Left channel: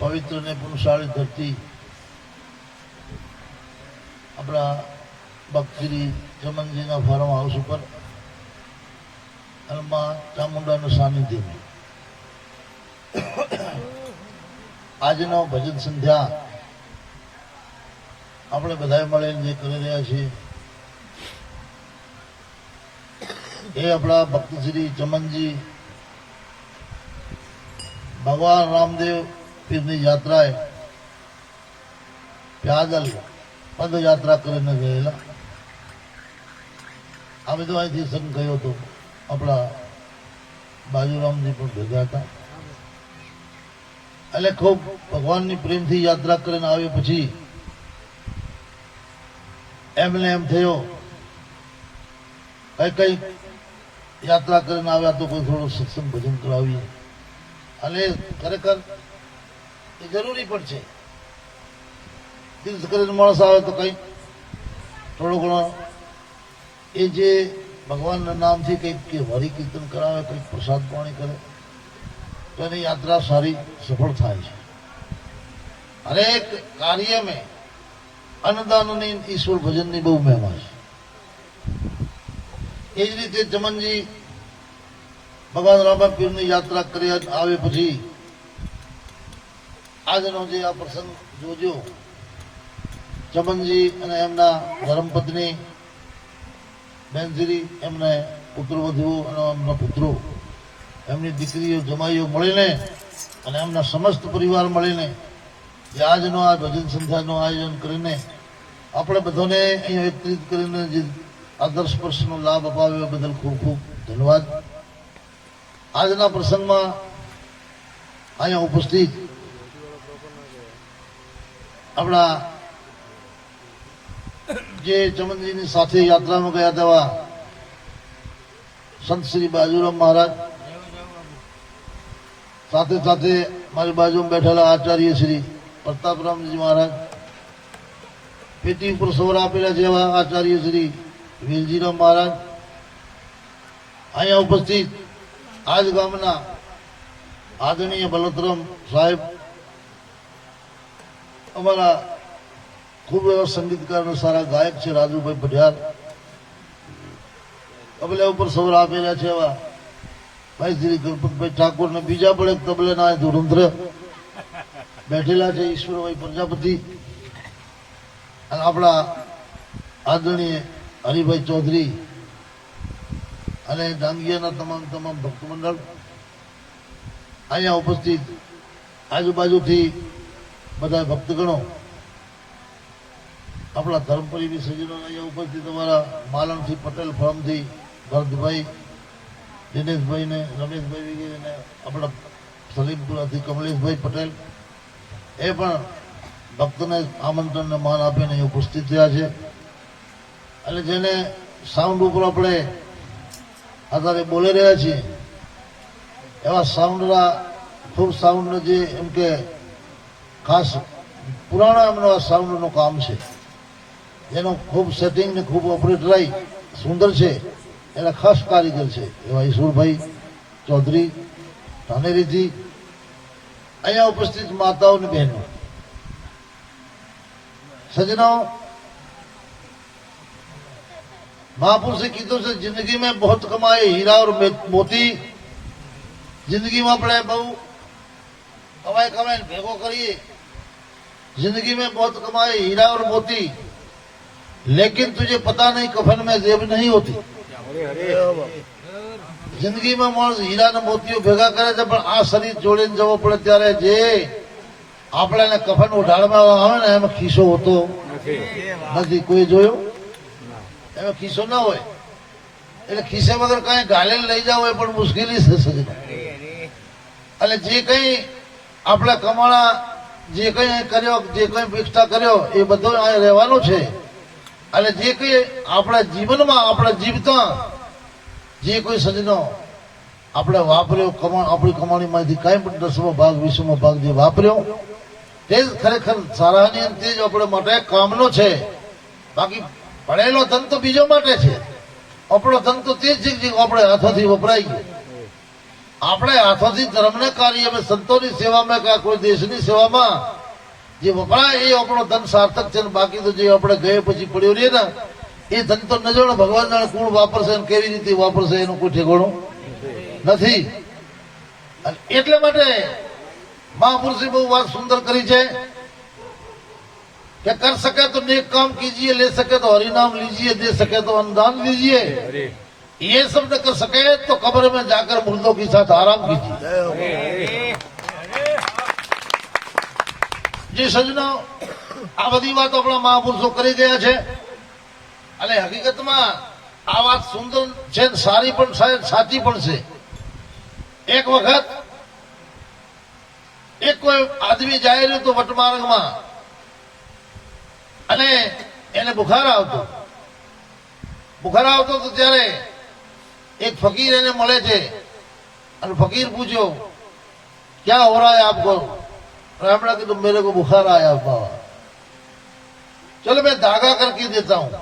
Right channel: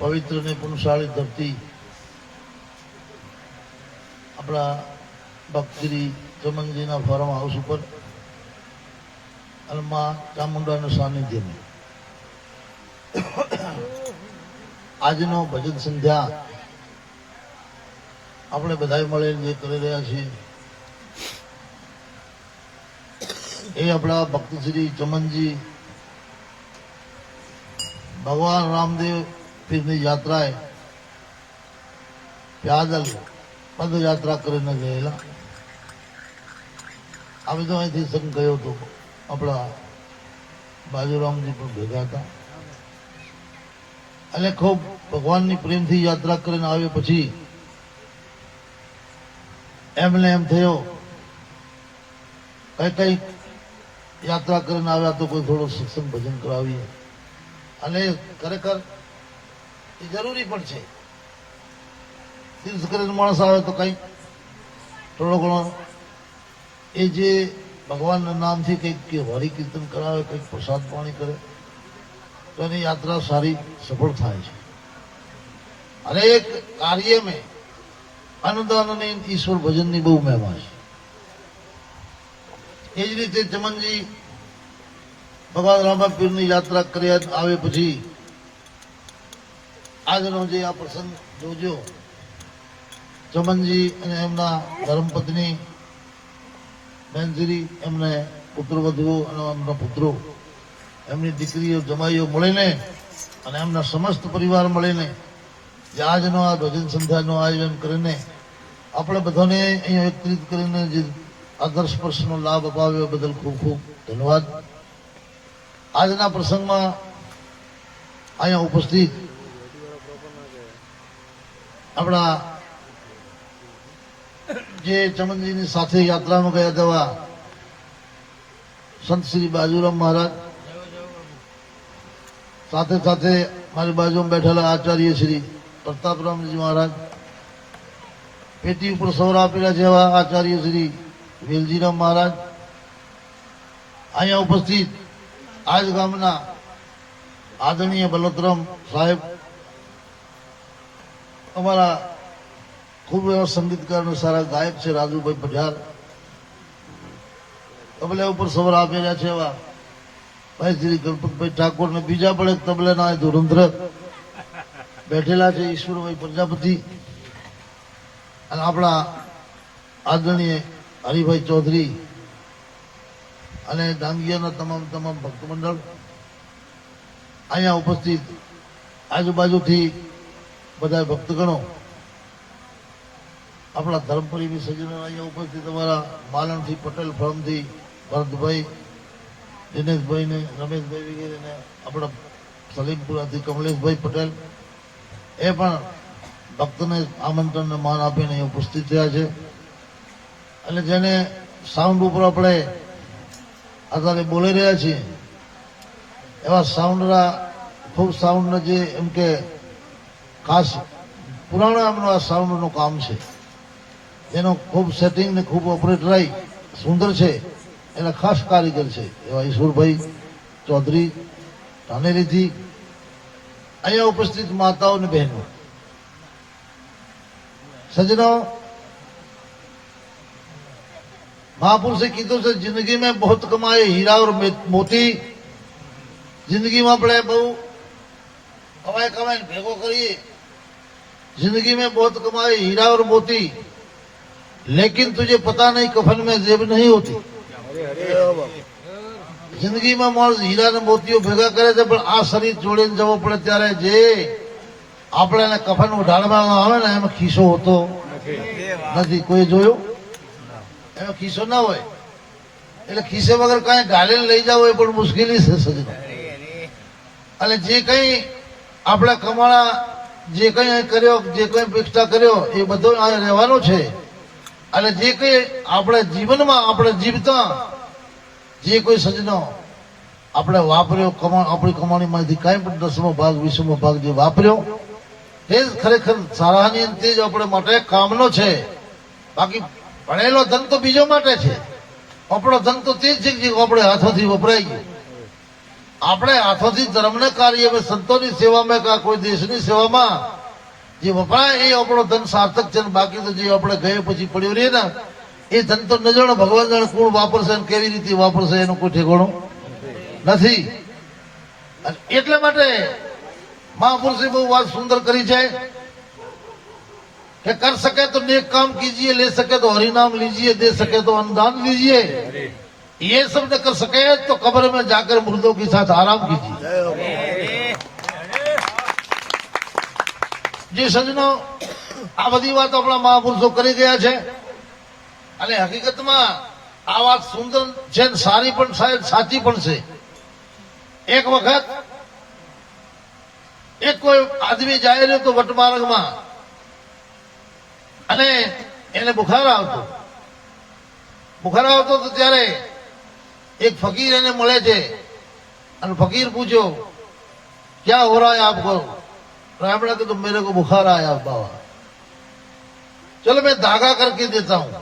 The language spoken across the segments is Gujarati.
પવિત્ર ને પુણશાળી ધરતી આપણા ભક્તશ્રી ચમનજીના ફાર્મ હાઉસ ઉપર માં ચામુંડાનું સાનિધ્યમાં આજનો ભજન સંધ્યા આપણે બધા મળીને જે કરી રહ્યા છીએ એ આપણા ભક્ત શ્રી ચમનજી ભગવાન રામદેવ પીરની યાત્રાએ પ્યાદલ પદયાત્રા કરીને ગયેલા. આવી તો અહીંથી સંગ ગયો હતો, આપણા બાજુરામજી પણ ભેગા હતા. એટલે ખૂબ ભગવાનની પ્રેમથી યાત્રા કરીને આવ્યો પછી એમને એમ થયો કઈ યાત્રા કરીને આવ્યા તો કોઈ થોડું સત્સંગ ભજન કરાવીએ. અને ખરેખર એ જરૂરી પણ છે. તીર્થ કરીને માણસ આવે તો કઈ થોડો ઘણો એ જે ભગવાનના નામથી કંઈક હરિ કીર્તન કરાવે, કંઈક પ્રસાદ પાણી કરે તો એની યાત્રા સારી સફળ થાય છે. હરેક કાર્ય મેં અન્નદાન અને ઈશ્વર ભજનની બહુ મહેમા છે. એ જ રીતે ચમનજી ભગવાન રામા પીરની યાત્રા કરી આવે પછી આજનો જે આ પ્રસંગ જોજો, ચમનજી અને એમના ધર્મપત્ની બહેનશ્રી, એમને પુત્રવધુઓ અને એમના પુત્રો, એમની દીકરીઓ જમાઈઓ મળીને અને એમના સમસ્ત પરિવાર મળીને જે આજનો આ ભજન સંધ્યાનું આયોજન કરીને આપણે બધાને અહીંયા એકત્રિત કરીને જે આદર્શ સ્પર્શનો લાભ અપાવ્યો બદલ ખૂબ ખૂબ ધન્યવાદ. આજના પ્રસંગમાં અહીંયા ઉપસ્થિત આપણા જે ચમનજીની સાથે યાત્રામાં ગયા હતા સંત શ્રી બાજુરામ મહારાજ, સાથે સાથે મારી બાજુમાં બેઠેલા આચાર્ય શ્રી પ્રતાપરામજી મહારાજ, પેટી ઉપર સૌર આપેલા જેવા આચાર્ય શ્રી વેલજીરામ મહારાજ, અહીંયા ઉપસ્થિત આજ ગામના આદરણીય બલોતરામ સાહેબ, અમારા ખૂબ એવા સંગીતકાર અને સારા ગાયક છે રાજુભાઈ પઢિયાર, તબલા ઉપર સૌર આપેલા છે એવા ભાઈ શ્રી ગણપતભાઈ ઠાકોર ને બીજા પણ એક તબલાના ધુરંધર બેઠેલા છે ઈશ્વરભાઈ પ્રજાપતિ, અને આપણા આદરણીય હરિભાઈ ચૌધરી અને ડાંગિયાના તમામ ભક્ત મંડળ અહીંયા ઉપસ્થિત, આજુબાજુથી બધા ભક્તગણો, આપણા ધર્મપરીની સજ્જનો અહીંયા ઉપસ્થિત, અમારા માલણથી પટેલ ફાર્મથી ભરતભાઈ, દિનેશભાઈ ને રમેશભાઈ વગેરે, આપણા સલીમપુરાથી કમલેશભાઈ પટેલ, એ પણ ભક્તને આમંત્રણને માન આપીને અહીં ઉપસ્થિત થયા છે. અને જેને સાઉન્ડ ઉપર આપણે અત્યારે બોલી રહ્યા છીએ એવા સાઉન્ડના ફૂલ સાઉન્ડ જે એમ કે ખાસ પુરાણા એમનો આ સાઉન્ડનું કામ છે, એનો ખૂબ સેટિંગ ને ખૂબ ઓપરેટરાઈ સુંદર છે, એના ખાસ કારીગર છે એવા ઈશ્વરભાઈ ચૌધરી ધાનેરીથી. અહીંયા ઉપસ્થિત માતાઓ અને બહેનો, સજનો, મહાપુરુષે કીધું છે જિંદગી में बहुत कमाए हीरा और मोती. જિંદગીમાં આપણે બહુ કમાઈને ભેગો કરીએ, जिंदगी में बहुत कमाए हीरा और मोती, लेकिन तुझे पता नहीं कफन में जेब नहीं होती. જિંદગીમાં માણસ હીરા ને મોતીઓ ભેગા કરે છે, પણ આ શરીર જોડીને જવો પડે ત્યારે જે આપણે કફન ઉઢાડમાં આવે ને એમાં ખિસ્સો હોતો નથી. કોઈ જોયો? એમાં ખિસ્સો ના હોય, એટલે ખિસ્સે વગર કાંઈ ગાલે લઈ જવું એ પણ મુશ્કેલી છે સજનો. અને જે કઈ આપણે કમાણા, જે કઈ કર્યો, જે કઈ પ્રતિષ્ઠા કર્યો એ બધું આ રહેવાનું છે. અને જે કઈ આપણા જીવનમાં આપણે જીવતા જે કોઈ સજનો આપણે વાપર્યો, આપણી કમાણીમાંથી કઈ પણ 10મો ભાગ 20મો ભાગ જે વાપર્યો તે જ ખરેખર સારાની તે જ આપણે માટે કામનો છે. બાકી ભણેલો ધન તો બીજો માટે છે, આપણો ધન તો તે જ છે જે આપણે હાથોથી વપરાય ગયો. આપણે હાથોથી ધર્મને કાર્ય અમે સંતોની સેવામાં કે કોઈ દેશની સેવામાં જે વપરાય એ આપણો ધન સાર્થક છે ને બાકી તો જે આપણે ગયા પછી પડ્યો રહે ને એ ધન તો ન જાણો ભગવાન જાણે કોણ વાપરશે અને કેવી રીતે વાપરશે એનું કોઈ ઠેકાણું નથી. અને એટલા માટે મહાપુરુષે બહુ વાત સુંદર કરી છે कि कर सके तो नेक काम कीजिए, ले सके तो हरिनाम लीजिए, दे सके तो अनुदान लीजिए, ये सब न कर सके तो कब्र में जाकर मुर्दों के साथ आराम कीजिए. जी सजनो, આ બધી વાત આપણા મહાપુરુષો કરી ગયા છે અને હકીકતમાં આ વાત સુંદર છે, સારી પણ સાહેબ સાચી પણ છે. એક વખત એક કોઈ આદમી જાય ને તો વટમાર્ગમાં અને એને બુખાર આવતો તો ત્યારે એક ફકીર એને મળે છે અને ફકીર પૂછ્યો ક્યાં હો रहा है आपको? तो हमने कहा तो मेरे को बुखार आया बाबा, चलो मैं धागा करके देता हूं.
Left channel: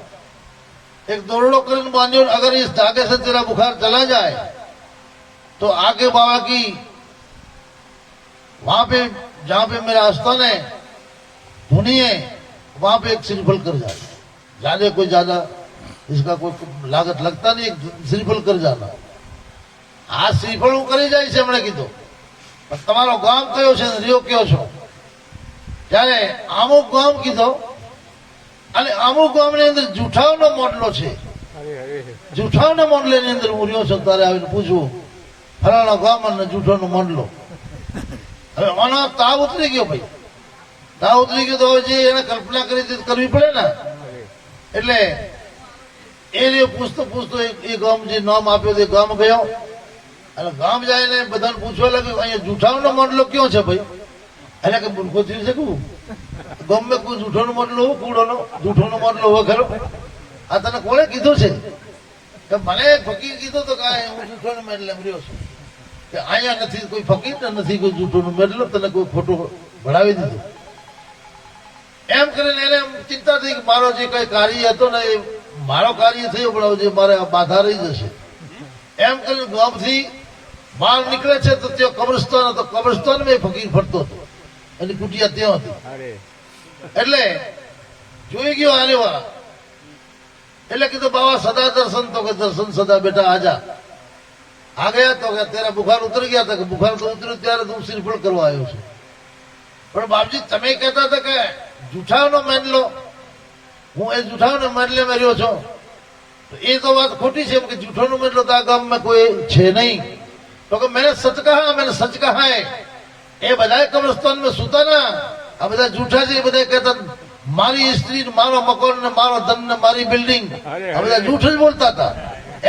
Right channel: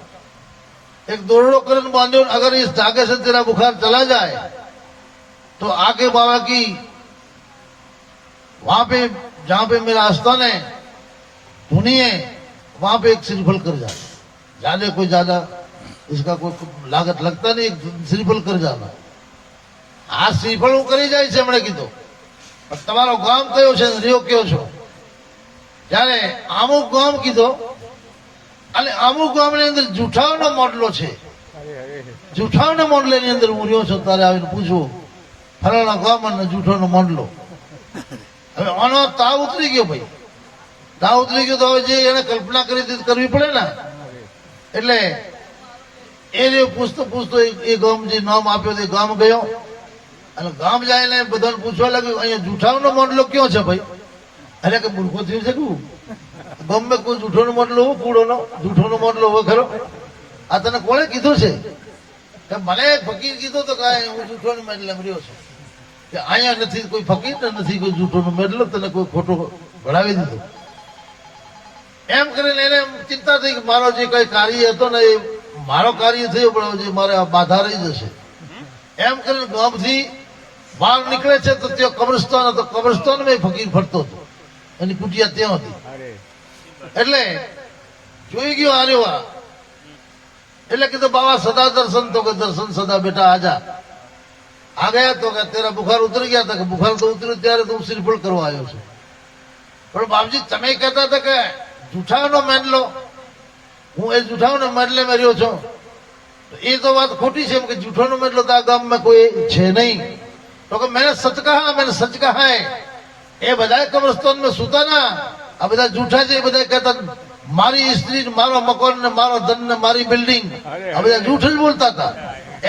एक दोरड़ो करन बांधो, अगर इस धागे से तेरा बुखार चला जाए तो आगे बाबा की वहां पे जहां पे मेरा आस्थान है धुनी है वहां पे एक श्रीफल कर जाना. ज्यादा कोई ज्यादा इसका कोई लागत लगता नहीं, श्रीफल कर जाना. આ શ્રીફળ હું કરી જાય છે એમણે કીધું. તમારો ગામ કયો છે, રહ્યો કયો છો? ત્યારે અમુક ગામ કીધો અને અમુક ગામની અંદર જૂઠાવનો મોડલો છે. જૂઠાવના મોડલાની અંદર હું રહ્યો છું. તારે આવીને પૂછું ફલાણા ગામ અને જૂઠાનો મોડલો. હવે આનો તાવ ઉતરી ગયો ભાઈ, તાવ ઉતરી ગયો તો હવે જે એને કલ્પના કરી કરવી પડે ને. એટલે એ પૂછતો એ ગામ જે નામ આપ્યો તે ગામ ગયો અને ગામ જઈને બધાને પૂછવા લાગ્યું અહીંયા જૂઠાનો મોડલો ક્યાં છે ભાઈ? અરે કે મૂર્ખો થયું છે કું ગામમાં કોઈ જૂઠોનો મોડલો હો, કૂડોનો જૂઠોનો મોડલો હો ખરો? આ તને કોણે કીધું છે? કે મને એક ફકીર કીધું તો કાંઈ હું જૂઠોનો મેડલ રહ્યો છું કે અહીંયા નથી કોઈ ફકીર ને નથી કોઈ જૂઠોનો મેડલો, તને કોઈ ખોટો ભણાવી દીધું. એમ કરીને એને ચિંતા થઈ કે મારો જે કઈ કાર્ય હતો ને એ મારો કાર્ય થયો પણ જે મારે બાધા રહી જશે. એમ કરીને ગામથી બહાર નીકળે છે તો ત્યાં કબ્રસ્તાન હતો, કબ્રસ્તાનમાં ફકીર ફરતો હતો, એની કુટિયા ત્યાં હતી. એટલે જોઈ ગયો આર્યો એટલે કીધું બાબા સદા દર્શન, તો કે દર્શન સદા બેટા આજા. આ ગયા તો કે તેરા બુખાર ઉતરી ગયા હતા. કે બુખાર તો ઉતર્યું ત્યારે તું શ્રીફળ કરવા આવ્યો છે. પણ બાપજી તમે કહેતા હતા કે જૂઠાવનો મેડલો, હું એ જૂઠાવનો મેડલે મેં રહ્યો છું. એ તો વાત ખોટી છે કે જૂઠાનો મેડલો તો આ ગામમાં કોઈ છે નહીં. તો કે મેને સચ કહા, મેને સચ કહા હૈ. એ બધા કબ્રસ્તાન માં સુતા ના, આ બધા જૂઠા છે. એ બધા કહેતા મારી સ્ત્રી, મારો મકાન ને મારો ધન ને મારી બિલ્ડિંગ, આ બધા જૂઠ જ બોલતા હતા.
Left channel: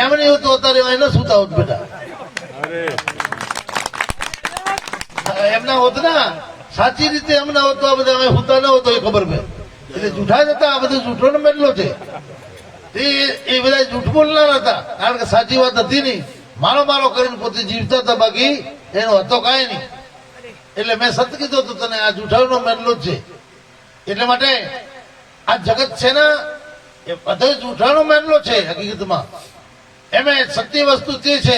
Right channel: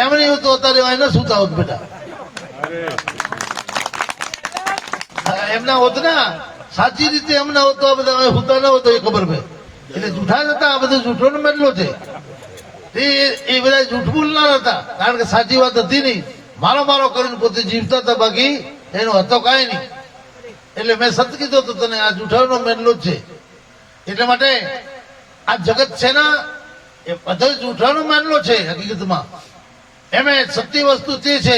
એમ નહીં હોતું અત્યારે અહીં ન સુતા હોત બેટા, એમના હોત ને સાચી રીતે એમના હોત તો આ બધા અહીં સુતા ના હોતો એ ખબર મેં. એટલે જૂઠા જ હતા. આ બધું જૂઠો નો મેડલો છે. એ બધા જૂઠ બોલનાર હતા, કારણ કે સાચી વાત હતી નહીં. મારો કરીને પોતે જીવતા હતા, બાકી એનો હતો કાંઈ નહીં. એટલે મેં સત કીધું તો તને આ જૂઠાનો મેડલો જ છે. એટલા માટે આ જગત છે ને એ બધા જૂઠાનો મેડલો છે. હકીકતમાં એમે સત્ય વસ્તુ તે છે,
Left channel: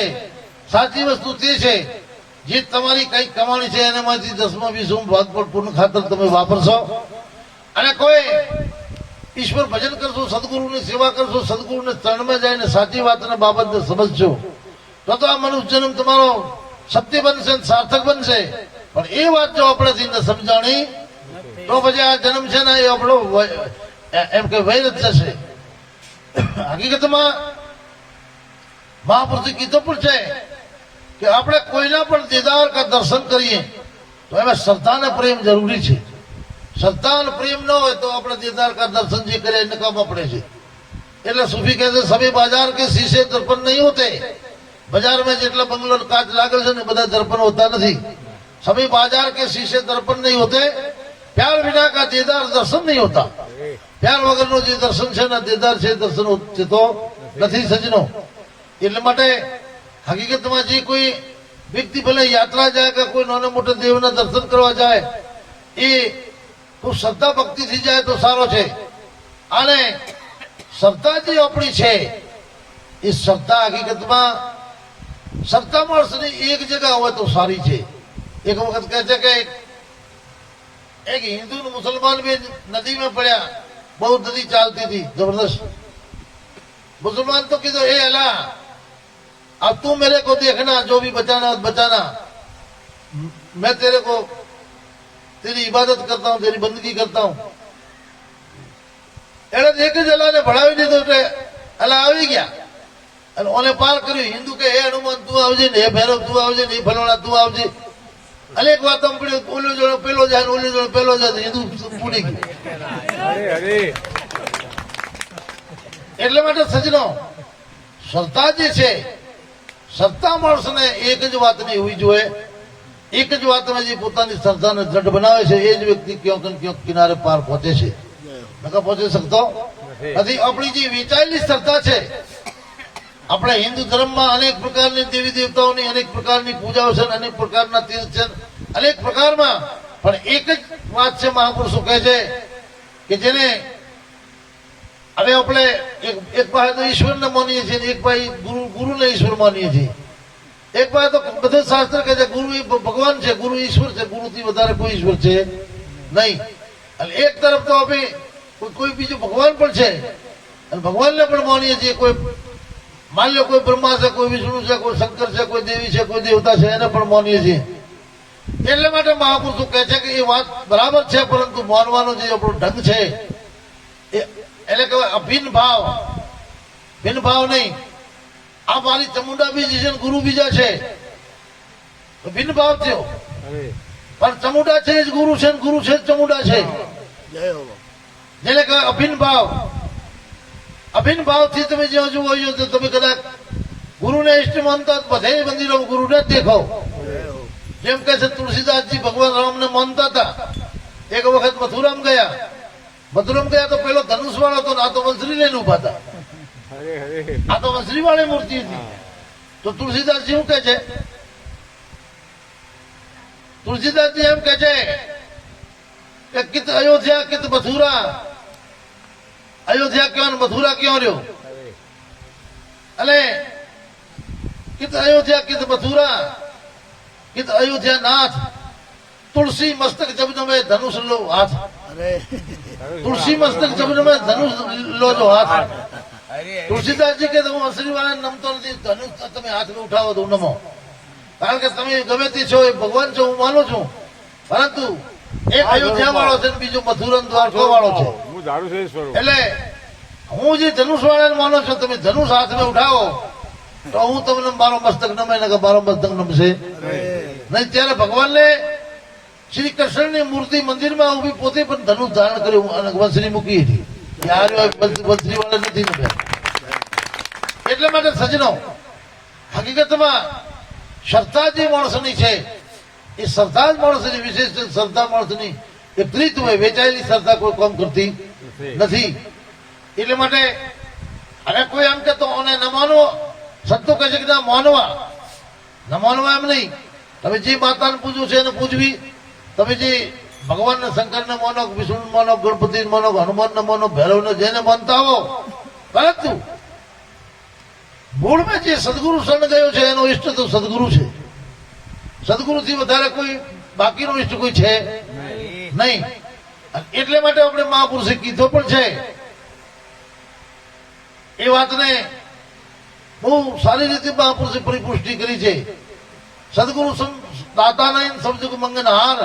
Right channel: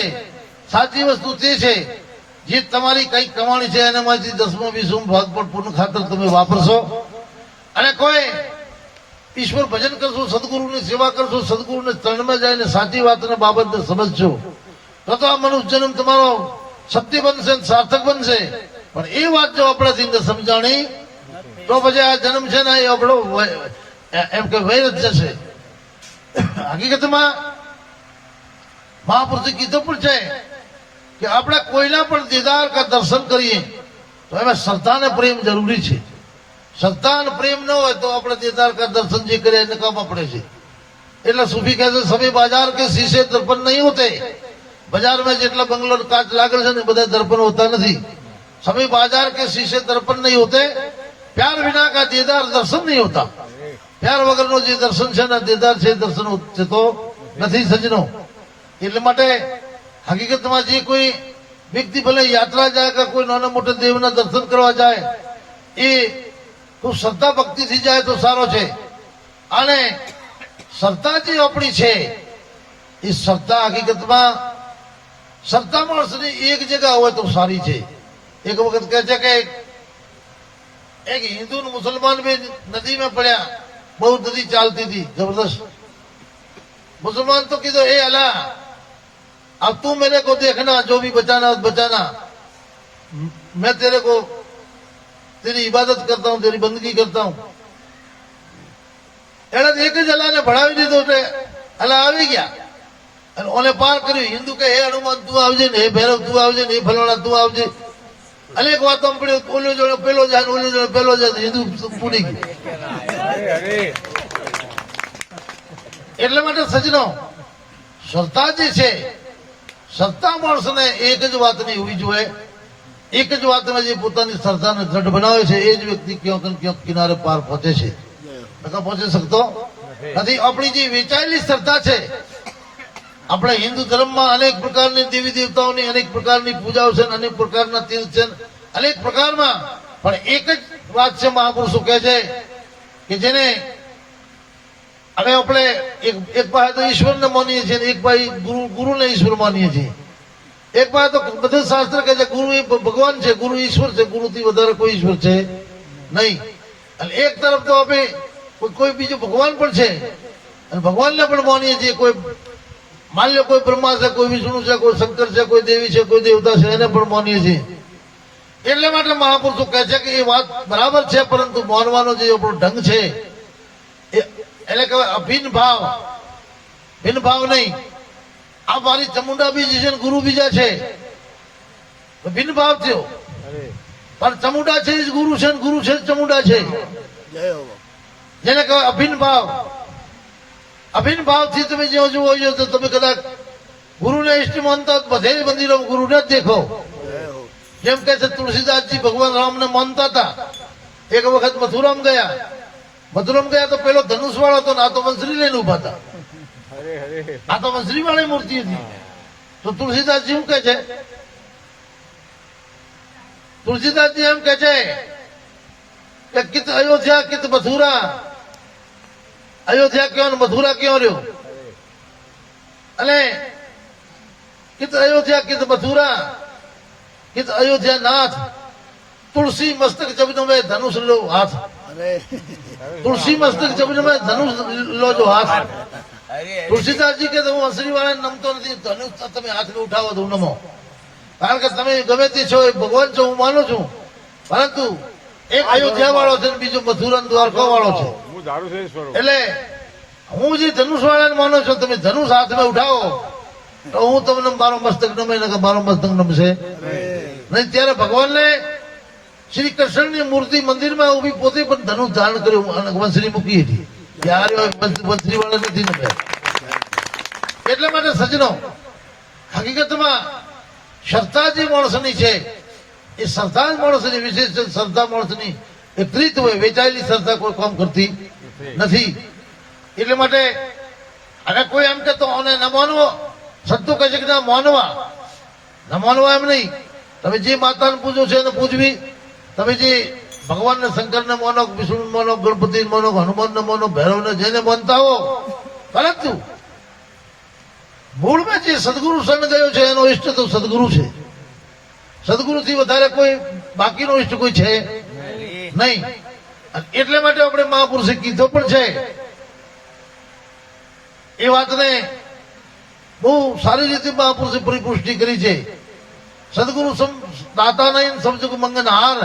સાચી વસ્તુ તે છે. જે તમારી કઈ કમાણી છે એનામાંથી 10માં 20 ભાગ પણ પૂર્ણ ખાતર તમે વાપરશો અને કોઈ ઈશ્વર ભજન કરશો, સદગુરુની સેવા કરશો, સદગુરુને ચરણમાં જઈને સાચી વાતને બાબતને સમજજો તો આ મનુષ્ય જન્મ તમારો સત્ય બનશે, સાર્થક બનશે. પણ એ વાત જો આપણાથી ન સમજાણી તો પછી આ જન્મ છે ને એ આપણો એમ કે વૈર જ જશે. હકીકતમાં મહાપુરુષે કીધું પણ છે કે આપણે કોઈના પણ દીદાર કા દર્શન કરીએ તો એમાં શ્રદ્ધા અને પ્રેમ જરૂરી છે. શ્રદ્ધા અને પ્રેમ ન હોય તો આપણે દીદાર કા દર્શન જે કરીએ એને કામ પડે છે. એટલે સૂફી કહે છે સભી બાजार के शीशे दर्पण नहीं होते. બજારમાં જેટલા બંગલો કાચ લાગેલ છે ને બધા દર્પણ હોતા નથી. सभी बाजार के शीशे दर्पण नहीं होते. प्यार बिना का दीदार दर्शन नहीं होता. प्यार વગરનો જે દર્શન છે ને દીદાર છે દર્શન થતો નથી સજનો. એટલે માટે હકીકતમાં જે કોઈ વ્યક્તિ ભલે યાત્રા જાય કે કોઈ નાના મોટા દેવના દર્શન કરવા જાય એ ખૂબ શ્રદ્ધા ભક્તિથી જાય તો સારો છે. અને શ્રદ્ધા જે આપણી છે એ શ્રદ્ધા હકીકતમાં સત્તા માણસની એક જગ્યા હોય તો સારી છે. એક વખત કહે છે કે એક હિન્દુ ને મુસલમાન भी नदी में પડ્યા. બહુ નદી ચાલતી थी जबरदस्त. मुसलमान तो कीधो ए अल्लाह अब तू मेरे को देखना, जो भी बचाना बचाना, मैं तेरे को तेरी इबादत करता हूं, तेरी बंदगी करता हूं. એને એક જ અલ્લાહને ભણાવી દીધો એટલે અલ્લાહ આવી ગયા અને ઓને પાર કર્યું. હિન્દુ કે હે હનુમાન તું આવજે ને, હે ભૈરવ તું આવજે ને, હે ફલાણા તું આવજે. અનેક વાતો પડ્યો, ઓલો જોડે પેલો જાય, ઓલો જોડે પેલો જાય, હિન્દુ પૂરી ગઈ. એટલા માટે સજનો સત્તા જે છે, સત્તા માણસને એક જ વાતની હોવી જોઈએ. એક જ વાતમાં જે પોતાની શ્રદ્ધાને દ્રઢ બનાવે છે એ જ વ્યક્તિ ક્યાંક ને ક્યાંક કિનારે પાર પહોંચે છે. નકા પહોંચી શકતો નથી. આપણી જે વેચાયેલી શ્રદ્ધા છે, આપણે હિન્દુ ધર્મમાં અનેક પ્રકારની દેવી દેવતાઓની અનેક પ્રકારની પૂજાઓ છે, અનેક પ્રકારના તીર્થ છે, અનેક પ્રકારમાં, પણ એક જ વાત છે મહાપુરુષો કહે છે કે જેને હવે આપણે એક પાસે તો ઈશ્વરને માનીએ છીએ, એક પાસે ગુરુને ઈશ્વર માનીએ છીએ. એક પાસે તો બધા શાસ્ત્ર કહે છે ગુરુ એ ભગવાન છે, ગુરુ ઈશ્વર છે, ગુરુથી વધારે કોઈ ઈશ્વર છે નહીં. અને એક તરફ તો આપણે કોઈ બીજું ભગવાન પણ છે અને ભગવાનને પણ માનીએ છીએ. કોઈ માન લો કોઈ બ્રહ્મા છે, કોઈ વિષ્ણુ છે, કોઈ શંકર છે, કોઈ દેવી છે, કોઈ દેવતા છે, એને પણ માનીએ છીએ. એટલા માટે મહાપુરુષો કહે છે કે એ વાત બરાબર છે, પરંતુ માનવાનો જે આપણો ઢંગ છે એને કહેવાય અભિન્ન ભાવ. ભિન્ન ભાવ નહીં. આ મારી ચમુંડા બીજી છે, ગુરુ બીજા છે, ભિન્ન ભાવ થયો. પણ ચમુંડા છે જ ગુરુ છે, ગુરુ છે જ ચમુંડા છે, જેને કહેવાય અભિન્ન ભાવ. અભિન્ન ભાવથી તમે જ્યાં જુઓ તો તમે કદાચ ગુરુને ઇષ્ટ માનતા બધે મંદિરો ગુરુને જ દેખો. જેમ કે છે તુલસીદાસજી ભગવાન રામને માનતા હતા. એક વખત મથુરામાં ગયા તો પેલો ધનુષ વાળો હતો ને આ તો મંસરી લઈને ઉભા હતા. આ તો મંસરી વાળી મૂર્તિ હતી. તો તુલસીદાસજી શું કે છે? તુલસીદાસજી એમ કે છે કે કિત અયોધ્યા કિત મથુરા. અયોધ્યા ક્યાં મથુરા ક્યાં રહ્યો? અને કિત અયોધ્યા કિત મથુરા કિત અયોધ્યા નાથ. તુલસી મસ્તક જબન મેં ધનુષ લો હાથ. તુલસી મસ્તક જબન મેં ધનુષ લો જો હાથ. તુલસીદાસજી કે હું હંસરી વાળાને નમતો નથી, ધનુષ તમે હાથમાં ઉઠાવો તો નમો. કારણ કે તમે ગમે તે છો એ ભગવાન છો, હું માનું છું, પરંતુ એક અયોધ્યા વાળો છે, બીજો મથુરા દ્વારકા વાળો છે. એટલે હું જે ધનુષ વાળાને માનો છું, તમે ધનુષ હાથમાં ઉઠાવો તો હું તમને મારો મસ્તક નમે ને મારો મસ્તક નમશે નહીં. ત્યારે ભગવાનને શ્રી કૃષ્ણની મૂર્તિ મંદિરમાં ઉભી પોતે પણ ધનુષ ધારણ કર્યું અને વંશરી મૂકી હતી. વંશરી વાળા નથી નમ્યા. એટલા માટે સજનો હકીકતમાં શ્રદ્ધા જે માણસની છે એ શ્રદ્ધા જ માણસની વિશેષ શ્રદ્ધા માણસની એ પ્રીત હોય. વેચાયેલી શ્રદ્ધા કોઈ કામ કરતી નથી. એટલા માટે અને કોઈ એમ કહેતો અને ન માનવો, સત્તો કહે છે કે ના માનવા એમ નહીં. તમે જે માતાને પૂજો છે એને પૂજવી. તમે જે ભગવાનને શંકરને માનો, વિષ્ણુ માનો, ગણપતિ માનો, હનુમાનને માનો, ભૈરવને જેને માનતા હો, પરંતુ મૂળમાં જે સદગુરુ શરણ ગયો છે એનો ઈષ્ટ તો સદગુરુ છે. સદગુરુથી વધારે કોઈ બાકીનો ઈષ્ટ કોઈ છે નહીં. એટલે માટે આપણે મહાપુરુષે કીધો પણ છે. એ વાતને બહુ સારી રીતે મહાપુરુષે પરિપુષ્ટિ કરી છે. સદગુરુ દાતા નહીં, સમજુ મંગનહાર.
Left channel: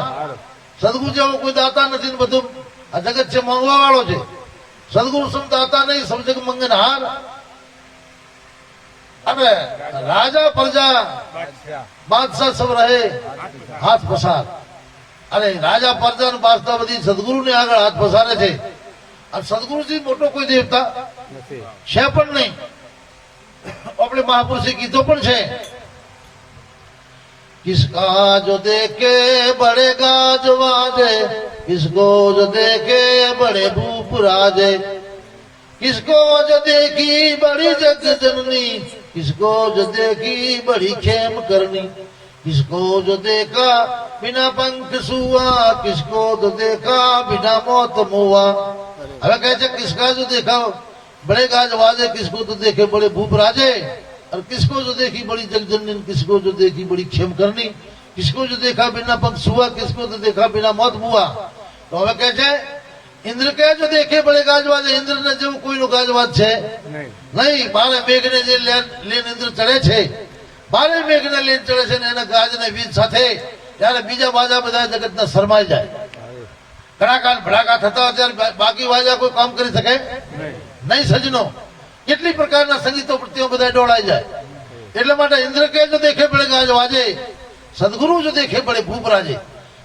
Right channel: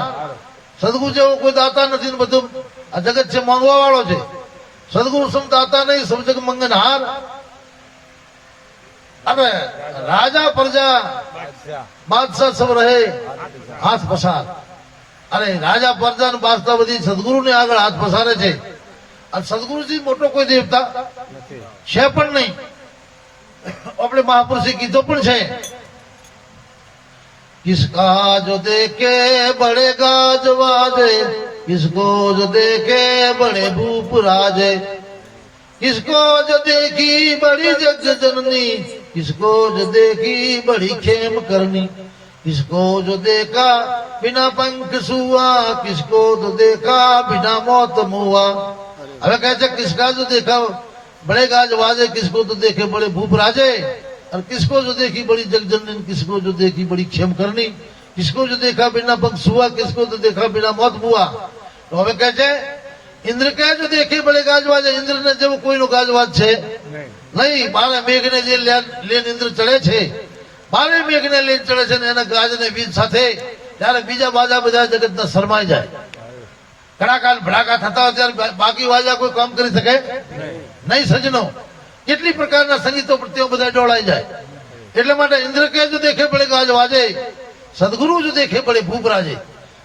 સદગુરુ જેવો કોઈ દાતા નથી ને બધું આ જગત છે માંગવા વાળો છે. સદગુરુ સમ દાતા નહીં, સમજુ મંગનહાર. અને રાજા પ્રજા બાદશાહ સબ રહે હાથ પસાર. અને રાજા પ્રજા ને બાદશાહ બધી સદગુરુને આગળ હાથ પસારે છે. અને સદગુરુજી મોટો કોઈ દેવતા છે પણ નહીં. આપણે મહાપુરુષે કીધો પણ છે किसका जो देखे बढ़ेगा जो वाजे, किसको जो देखे बड़े भूप राजे, किसको जो देखी बड़ी जग जननी, किसको जो देखी बड़ी खेम करनी, किसको जो देखा बिना पंख सुआ, किसको जो देखा बिना मौत मुआ. હવે કહે છે કિસકા જો દેખા બड़े गाज वाजे, किसको तो देखे बड़े भूप राजे. और किसको जो देखी बड़ी जगजननी, किसको जो देखी बड़ी क्षेम करनी, किसको जो देखा बिना पंथ सुआ, किसको जो देखा बिना मौत बुआ। तो હવે કહે છે ઇન્દ્ર કહે જો દેખે બળે ગાજવાજ, ઇન્દ્ર ને જેવું કોઈનું ગાજવાજ છે નહીં. બારે મેઘને જે લઈને ઇન્દ્ર ચડે છે, બારે મેઘને લઈને ચડે છે ને એના ગાજને વીજ સાથે, ત્યારે બીજા બાજા બધા જગતના શરમાઈ જાય. કડાકા ભડાકા થતા હોય ત્યારે બાકી વાજા કોઈ કામ કરી શકે નહીં. સજનો કેટલી પ્રકારના સંગીતો પ્રત્યો બધા ડોળાઈ જાય. એટલા માટે ઇન્દ્ર કે જો દેખે બળે ગાજવાજે, સદગુરુ જો દેખે બળે ભૂપ રાજે.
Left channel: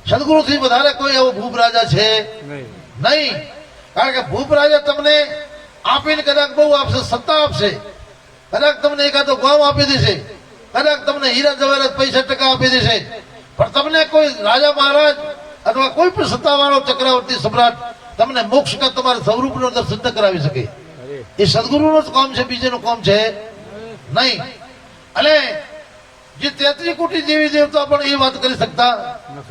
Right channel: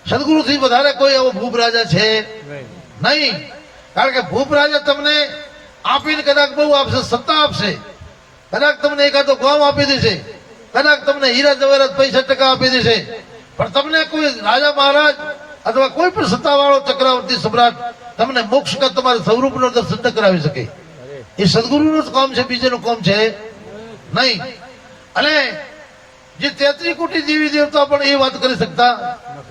સદગુરુ થી વધારે કોઈ એવો ભૂપ રાજા છે નહીં. કારણ કે ભૂપ રાજા તમને આપીને કદાચ બહુ આપશે, સત્તા આપશે, કદાચ તમને એકાદો ગામ આપી દેશે, કદાચ તમને હીરા જવાહરાત પૈસા ટકા આપી દેશે, પણ તમને કોઈ રાજા મહારાજ અથવા કોઈ પણ સત્તાવાળો ચક્રવર્તી સમ્રાટ તમને મોક્ષ કા તમારા સ્વરૂપનું દર્શન ન કરાવી શકે. એ સદગુરુનું જ કામ છે, બીજેનું કામ છે નહીં. અને જે 33 કોટી દેવી દેવતા પણ એ વાત કરી શકતા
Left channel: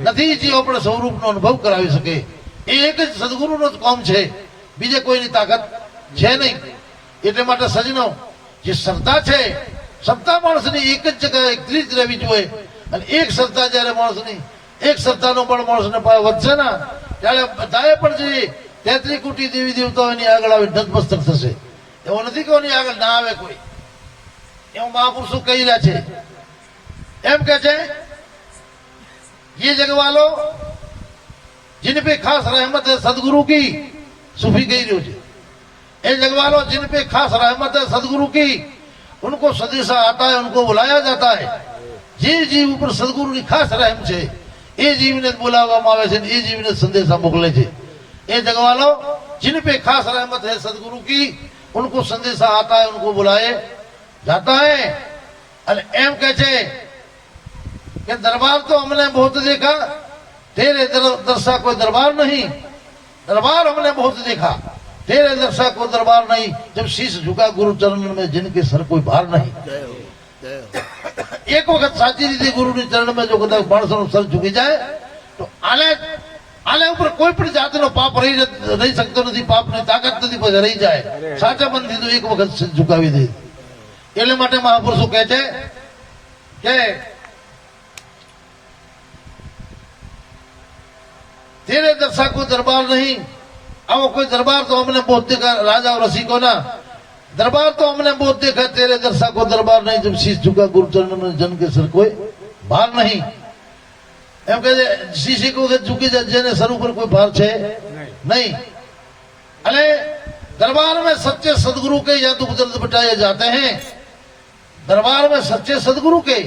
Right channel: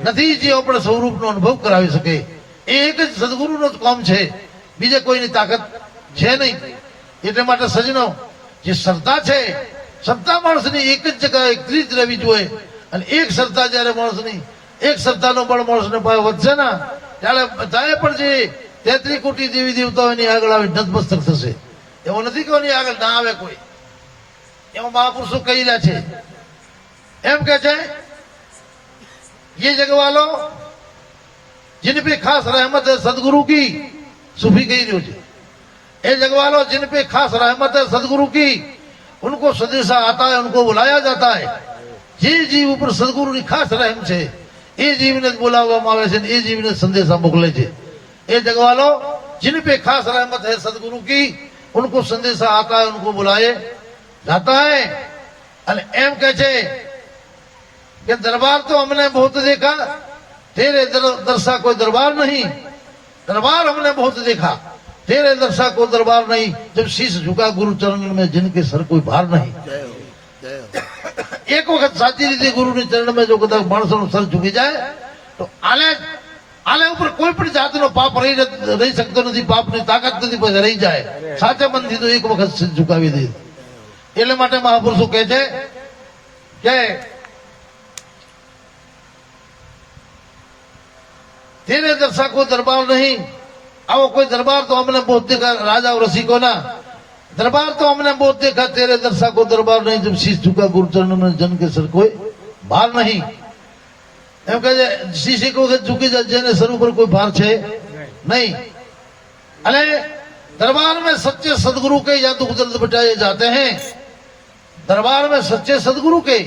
નથી જે આપણે સ્વરૂપનો અનુભવ કરાવી શકે. એ એક જ સદગુરુનું જ કામ છે, બીજે કોઈની તાકાત છે નહીં. એટલા માટે સજનો જે શ્રદ્ધા છે, શ્રદ્ધા માણસની એક જ જગ્યાએ એકલી જ રહેવી જોઈએ. અને એક શ્રદ્ધા જયારે માણસની, એક શ્રદ્ધાનો બળ માણસને પાયો વધશે ને, ત્યારે બધાએ પણ જે 33 કોટી દેવી દેવતાઓની આગળ આવે નતમસ્તક થશે. એવો નથી કે એની આગળ ના આવે કોઈ. એવા મહાપુરુષો કહી રહ્યા છે, એમ કે છે ये जगवालो जिन पे खास रहमत है सदगुरु की, सूफी कही जो है, ये जगवालो जिन पे खास रहमत है सदगुरु की, उनको संदेशा आता है, उनको बुलाया जाता है. જે જીવ ઉપર સદગુરુની ખાસ રહેમ છે એ જીવને બોલાવવામાં આવે છે, એ જીવને સંદેશા મોકલે છે. એ જગવાલો जिन पे खास रहमत है सदगुरु की, उनको संदेशा आता है, उनको बुलाए जाता है. અને એમ કે છે कि दरबार तो हमने बहुत देखा, तेरे दरसा कोई दरबार नहीं. दरबार हमने बहुत देखा, तेरे दरसा कोई दरबार नहीं. जब शीश झुका गुरु चरण में, जिनके सर कोई भार नहीं. एक वक्त साची रीते गुरु के चरण में जो कदाच माणसों सर झुकी जाए तो આને ઉપર કોઈ પણ જાતનો પાપ રહી શકતો નથી, પાપની તાકાત નથી, પછી રહી જાય. સાચા મનથી તો એક વખત શીશ ઝુકાવી દે. એટલે માટે મહાપુરુષો કહે છે કે तेरे दरसा को दरबार नहीं. आओ कोई दरबार तो हमने बहुत देखा, राजा और रसिको ना दरबार तो हमने बहुत देखा, तेरे दरसा को दरबार नहीं. जब शीश झुका गुरु चरणों में, जन के सर कोई भार नहीं. एम कहे शीश को झुकी जेने सर ऊपर कोई भार है नहीं. अरे दरबार में सच्चे सदगुरु के या दुख दर्द बिटाए जाते हैं. दरबार में सच्चे सदगुरु के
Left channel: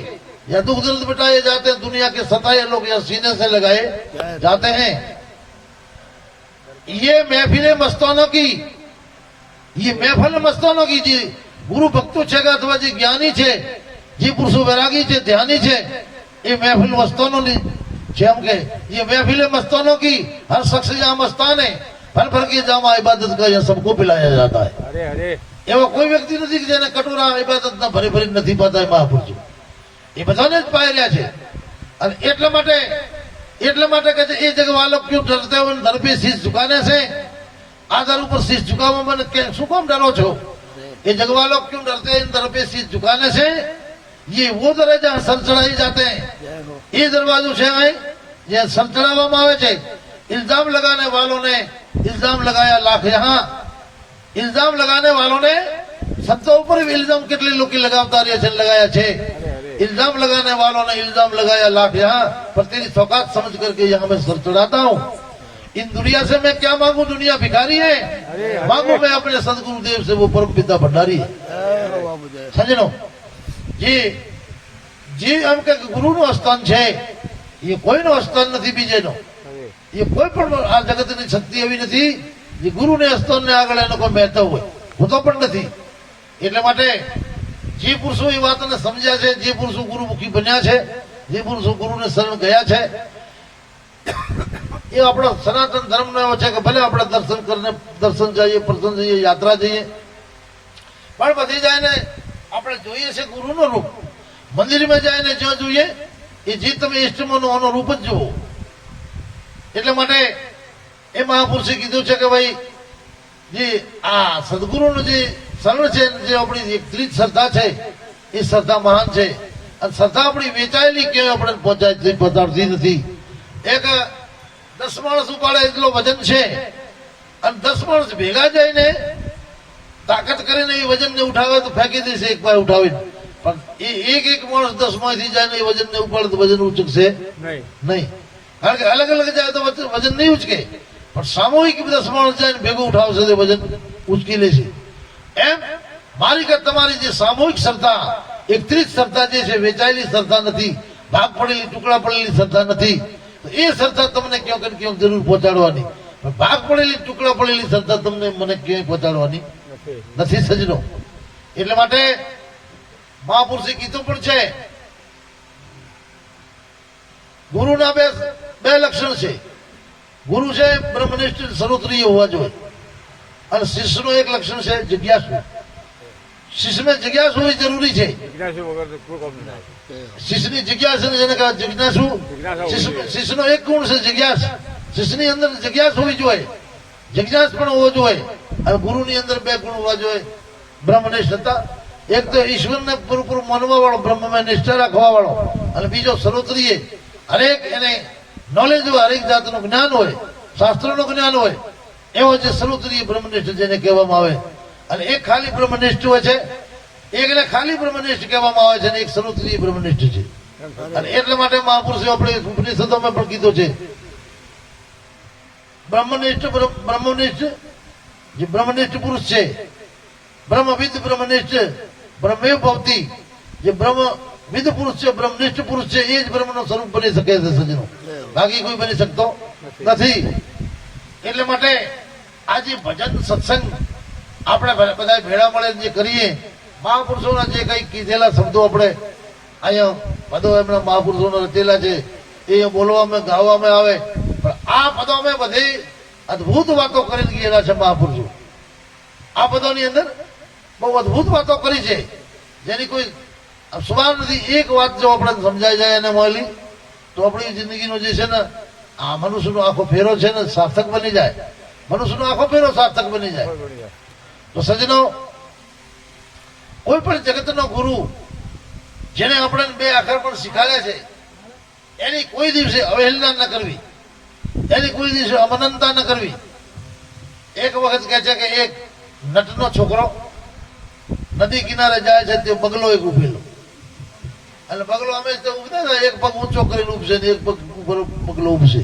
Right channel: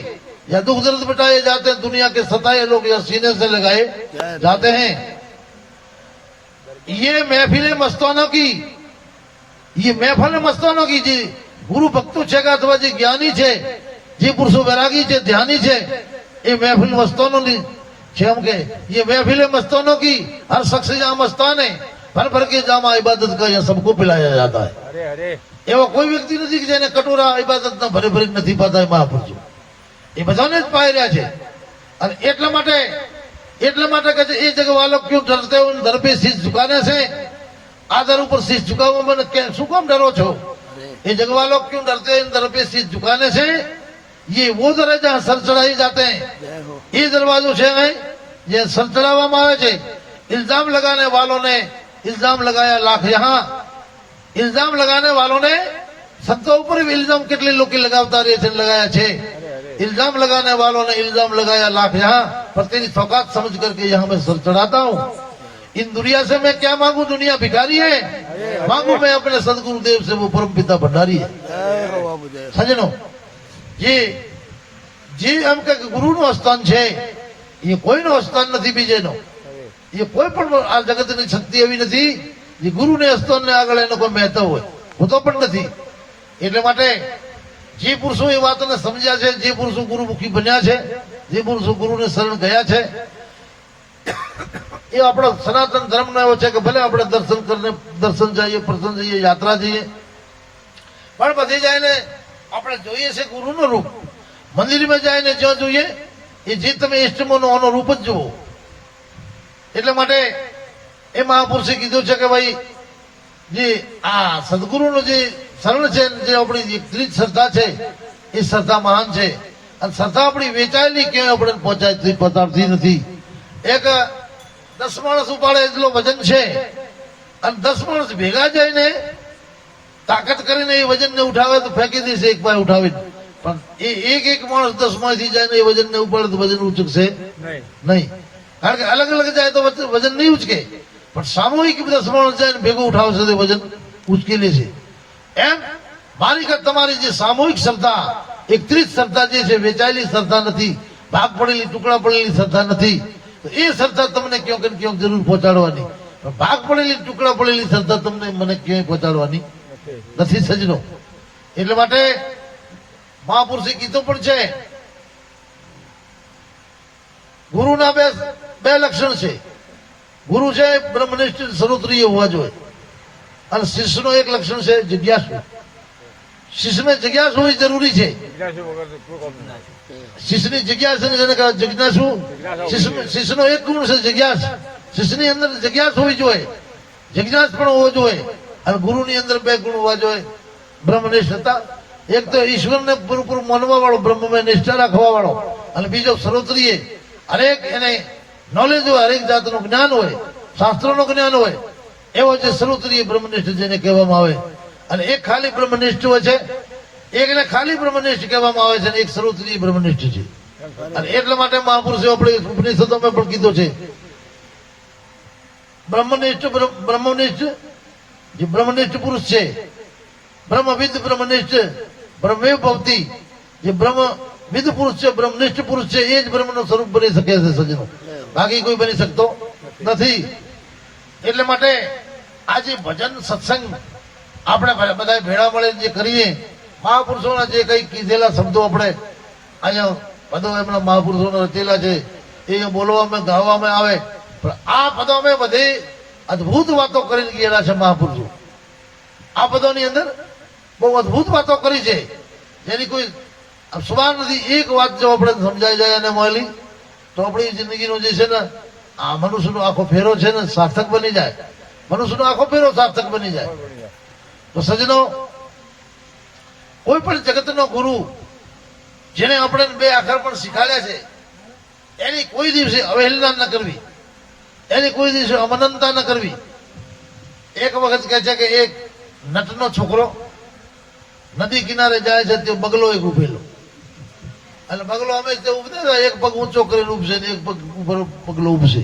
या दुख दर्द बिटाए जाते हैं. दुनिया के सताए लोग या सीने से लगाए जाते हैं. ये महफिलें मस्तानों की, ये महफिल मस्तानों की जी गुरु भक्तो છે અથવા જે જ્ઞાની છે, જે પુરુષો વૈરાગી છે, ધ્યાની છે, એ મહેફિલ મસ્તાનોની છે. એમ કે ये महफिलें मस्तानों की, हर शख्स यहाँ मस्तान है, भर भर के जामा इबादत का यहाँ सबको पिलाया जाता है. એવો કોઈ વ્યક્તિ નથી કે જેને કટોરા ઇબાદતના ભરી ભરી નથી પાતા. એ મહાપુરુષો એ બધાને જ પાઈ રહ્યા છે. અને એટલા માટે કહે છે એ જગવાલો ક્यों डरते हो दर पे शीश झुकाने से. આ દર ઉપર शीश झुकावવા મને શું કામ ડરો છો? ये जगवालो क्यों डरते हैं दर पे शीश झुकाने से. ये वो दर है जहाँ सर चढ़ाई जाते हैं. ये दरवाजो છે જે સર ચડાવવામાં આવે છે. इल्जाम लगाने वालों ने इल्जाम लगाया लाख यहाँ. इल्जाम लगाने वालों ने संतों ઉપર इल्जाम કેટલે લોકો લગાવતા રહે છે, लगाया છે. इल्जाम लगाने वालों ने इल्जाम लगाया लाख यहाँ, पर तेरी सौगात समझ करके यहाँ मैं सर चढ़ाता हूँ. इन दुनिया से मैं क्या मांगू, दुनिया भिखारी है. मांगू मैं अपने सदगुरुदेव से, वो परम पिता भंडारी है. सजनो જે એમ કે ગુરુનું સ્થાન છે એ કોઈનું સ્થાન નથી બીજેનો. એ કોઈ પણ આ જગતની શક્તિ એવી નથી જે ગુરુને સ્થાનને આગળ એનો કોઈ મહત્વ હોય, હોતો પણ નથી. એટલે માટે જે પુરુષો એ વાતને સમજ્યા છે, જે પુરુષો ગુરુમુખી બન્યા છે, જે પુરુષો ગુરુને શરણ ગયા છે, એ આપણા સનાતન ધર્મનો એવો છે કે ભલે આપણે દર્શન જઈએ, પ્રસંગ જઈએ, યાત્રા જઈએ, પણ બધી જઈને આપણે જોઈએ છે ગુરુનું રૂપ. મંદિરમાં જઈને જ્યાં જોઈએ એ જે તમે ઇષ્ટમાંનો આનો રૂપ જ જુઓ. એટલા માટે એ મહાપુરુષે કીધું છે કે ભાઈ જે આ સદગુરુનો જે શરણ છે, જે આપણી ત્રીજ શ્રદ્ધા છે, એ શ્રદ્ધા મહાન છે અને શ્રદ્ધા આપણી વેચાયેલી કેમ આપણે પહોંચાડતી નથી. એક 10 માણસ ઉપાડે એટલો વજન છે અને 10 માણસ ભેગા જઈને તાકાત કરીને એ વજનને ઉઠાવે તો ફેંકી દેશે એક પાસે ઉઠાવીને, પણ એ એક માણસ 10 માંથી જાય ને એ વજનને ઉપાડે તો વજન ઉચકશે નહીં. કારણ કે અલગ અલગ જાય તો વજન નહીં ઉચકે, પણ સામૂહિક 10 માણસ જાય ને ભેગું ઉઠાવશે તો વજન ઉચકી લેશે. એમ મારી કર તમારી જે સામૂહિક શ્રદ્ધા, એકત્રિત શ્રદ્ધા જે છે, વેચાયેલી શ્રદ્ધા નથી, ભાગ પડેલી ટુકડા પડેલી શ્રદ્ધા નથી, તો એ શ્રદ્ધા તમને ક્યાંક ને ક્યાંક જરૂર પહોંચાડવાની. ભાગ પડેલી ટુકડા પડેલી શ્રદ્ધા તમને મને ક્યાંય પહોંચાડવાની નથી સજનો. એટલે માટે મહાપુરુષે કીધું પણ છે, ગુરુના બે લક્ષણ છે. ગુરુ છે બ્રહ્મનિષ્ઠ સર્વત્રીય હોવા જોઈએ, અને શિષ્યનું એક લક્ષણ છે જિજ્ઞાસુ. શિષ્યને જિજ્ઞાસુ હોવી જરૂરી છે. શિષ્યની જિજ્ઞાસા જેને કહેવાય જિજ્ઞાસુ. શિષ્યનો એક ગુણ છે જિજ્ઞાસ. શિષ્યની અંદર જિજ્ઞાસ હોવી જોઈએ, જિજ્ઞાસ પણ હોવો જોઈએ. અને ગુરુની અંદર 2 ગુણ હોવા જોઈએ. બ્રહ્મનિષ્ઠતા, એક તો ઈશ્વરને પૂરું માનવા વાળો, બ્રહ્મમાં નિષ્ઠા રાખવા વાળો, અને બીજો સર્વત્રીય હરેક એને નોલેજ હોય, હરેક જાતનું જ્ઞાન હોય, શાસ્ત્રોનું જ્ઞાન હોય, એવો જે સર્વત્રીય બ્રહ્મનિષ્ઠ જેને કહેવામાં આવે. અને એક ખાલી બ્રહ્મનિષ્ઠ હોય છે, એકને ખાલી બ્રહ્મનિષ્ઠ કહેવામાં આવે છે, અને એક સર્વત્રીય બ્રહ્મનિષ્ઠ છે. અને એટલા માટે મહાપુરુષે આપણે ઉપનિષદોમાં પણ કીધું છે, બ્રહ્મનિષ્ઠ જે બ્રહ્મનિષ્ઠ પુરુષ છે, બ્રહ્મવિદ બ્રહ્મનિષ્ઠ, બ્રહ્મેવ ભક્તિ, જે બ્રહ્મવિદ પુરુષ છે, બ્રહ્મનિષ્ઠ પુરુષ છે, એ જ બ્રહ્મનું સ્વરૂપ બની શકે છે સજ્જનો, બાકી કોઈ બની શકતો નથી. એટલે માટે આ જે ભજન સત્સંગ આપણે બધા ભેળા મળે જે કરીએ, મહાપુરુષોના જે કઈ કીધેલા શબ્દો આપણે અહીંયા પદો એમના મહાપુરુષોના રચેલા છે એ બોલવામાં ગાવામાં આવે, પણ આ પદોમાં બધી અદભુત વાતો કરીને ગયેલા છે મહાપુરુષો. આ પદોની અંદર બહુ અદભુત વાતો કરી છે, જેની કોઈ સવાલ નથી. એક વાત જો આપણે સમજાઈ જાય અને મળેલી તો આપણી જિંદગીનો જે છે ને આ મનુષ્યનો આખો ફેરો છે ને સાર્થક બની જાય. મનુષ્યનો આખો ફેરો સાર્થક બની જાય. તો સજનો, કોઈ પણ જગતનો ગુરુ જેને આપણે 2 અક્ષર પણ શીખાડ્યા છે, એની કોઈ દિવસે અવહેલના ન કરવી, એની કોઈ દિવસે અમનતા ન કરવી. એક વખત કહે છે કે એક નટનો છોકરો નદી કિનારે જાય છે, તે બગલો એક ઉભેલો, અને બગલો અમે ઉભે એક પગ ઊંચો કરીને ઉભશે ને એક પગ ઉપર બગલો ઉભશે.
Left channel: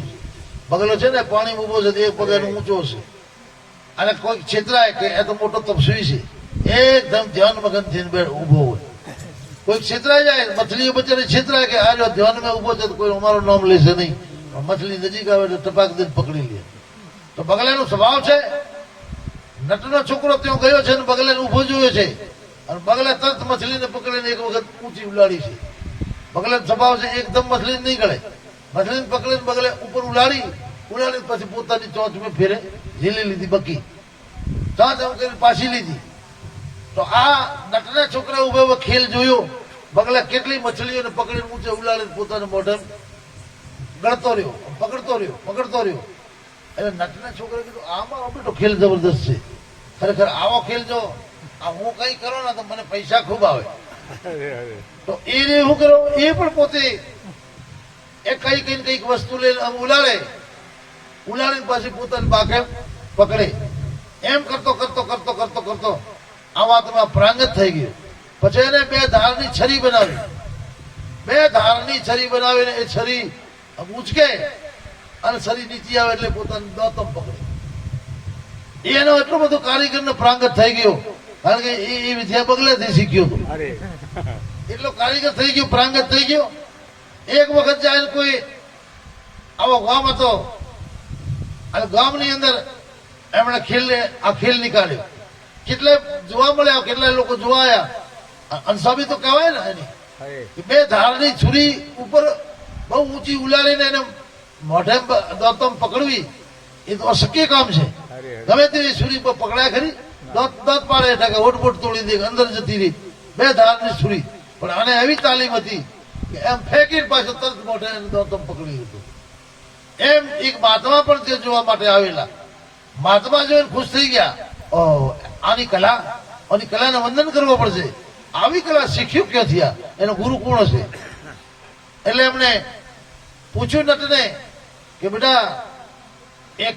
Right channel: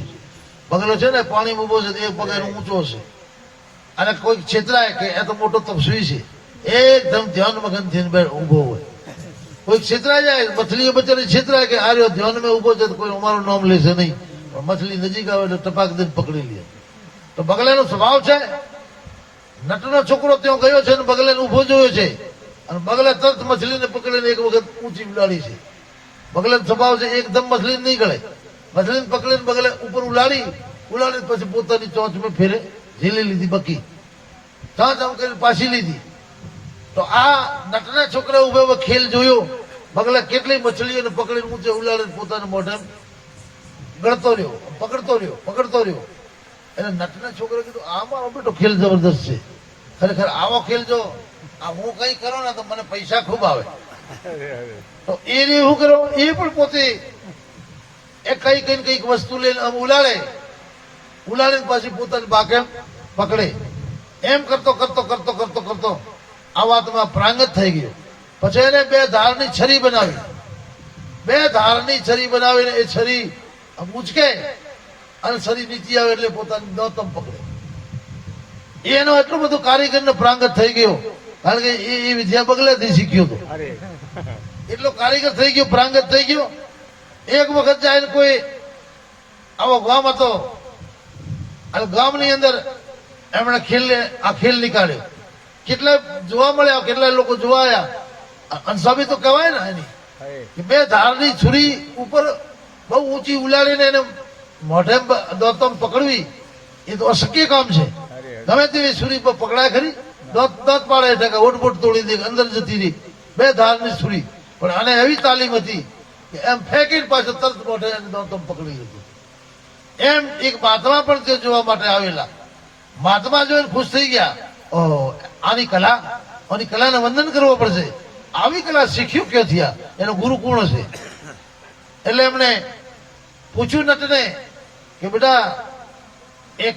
બગલો છે ને પાણી ઉભો છે, એક પગ એનો ઊંચો છે, અને કોઈ છેતરાય કે એ તો મોટો તપસ્વી છે, એકદમ ધ્યાન મગન થઈને ઉભો હોય. કોઈ છેતરાઈ જાય, મછલીઓ બચારી છેતરાય કે આ ધ્યાનમાં ઉભો છે, કોઈ અમારું નામ લેશે નહીં, મછલી નજીક આવે તો ટપાક દઈને પકડી લે. તો બગલાનો સ્વભાવ છે, નટનો છોકરો ત્યાં ગયો છે અને બગલાને ઉભો જોયો છે, અને બગલા તરત મછલીને પકડીને એક વખત ઊંચી ઉલાડી છે. બગલાનો સ્વભાવ છે એકદમ મછલીને નહીં ગળે, મછલીને પકડીને બગલે ઉપર ઉલાડી પછી પોતાની ચોંચમાં ફેરે ઝીલી લીધી, બકી ચાંચ આમ કરીને પાછી લીધી. તો આ નટના છોકરા ઉભો ખેલ જોયો, બગલા કેટલી મછલીઓને પકડીને ઊંચે ઉલાડીને પોતાના મોઢે ગળતો રહ્યો, પકડતો રહ્યો. એટલે નટના છોકરે કીધું આમાં બેટો ખેલ જબરદસ્ત છે, ખરેખર આવો ખેલ જો આ હું કઈ કરો ને તો મને પૈસા ખૂબ આવે. તો એ શું કરો, એ પણ પોતે કઈક વસ્તુ લઈને ઉલાડીને પાછી પોતાની બાકેલ પકડે. એમ કરતો આ વાતમાં પ્રાંગત થઈ ગયો. પછી એને 2 ધારની છરી બનાવી, 2 ધારની છરી બનાવીને એ છરી ઉંચકે અને છરી નીચે આવે એટલે પોતાની દોતમ પકડે. એનો એટલું બધું કારીગરને પ્રાંગત થઈ ગયો, કારણ કે એ વિદ્યા બગલાથી શીખ્યો હતો. એટલો કારીગર થઈ ગયો, પ્રાંગત થઈ ગયો. એક વખત જાય કોઈ આવો ગામ હતો, અને ગામની અંદર એમણે ખેલ નીકાળ્યો. કેટલા જોવા મળ્યા, કેટલા લોકો જોવા આવ્યા. અનસાબી તો કહેવાય ને એની, 2 ધારની છુરી ઉપર બહુ ઊંચી ઉલાડીને એને મોઢે દોતમ પકડવી એ તો અશક્ય કામ છે. ગમે તેવી છુરી પર પકડાય ખરી, દાંત પાડે એટલે ઓટબોટ તોડી દે, અંદર જતી રહી 2 ધારની છુરી. પણ આને એવી તાલીમ હતી કે એમ ફેંકીને પાછળ તરત મોઢે દોતમ પકડી લીધું. એમ એક મહાત્મા પણ તે જોવા માટે આવેલા. મહાત્મા જોઈને ખુશ થઈ ગયા, આની કલાને વંદન કરવો પડશે. આવી કલા શીખ્યું ક્યાંથી આ એનો ગુરુ કોણ હશે? એટલે એમણે પૂછ્યું નટને કે બેટા એક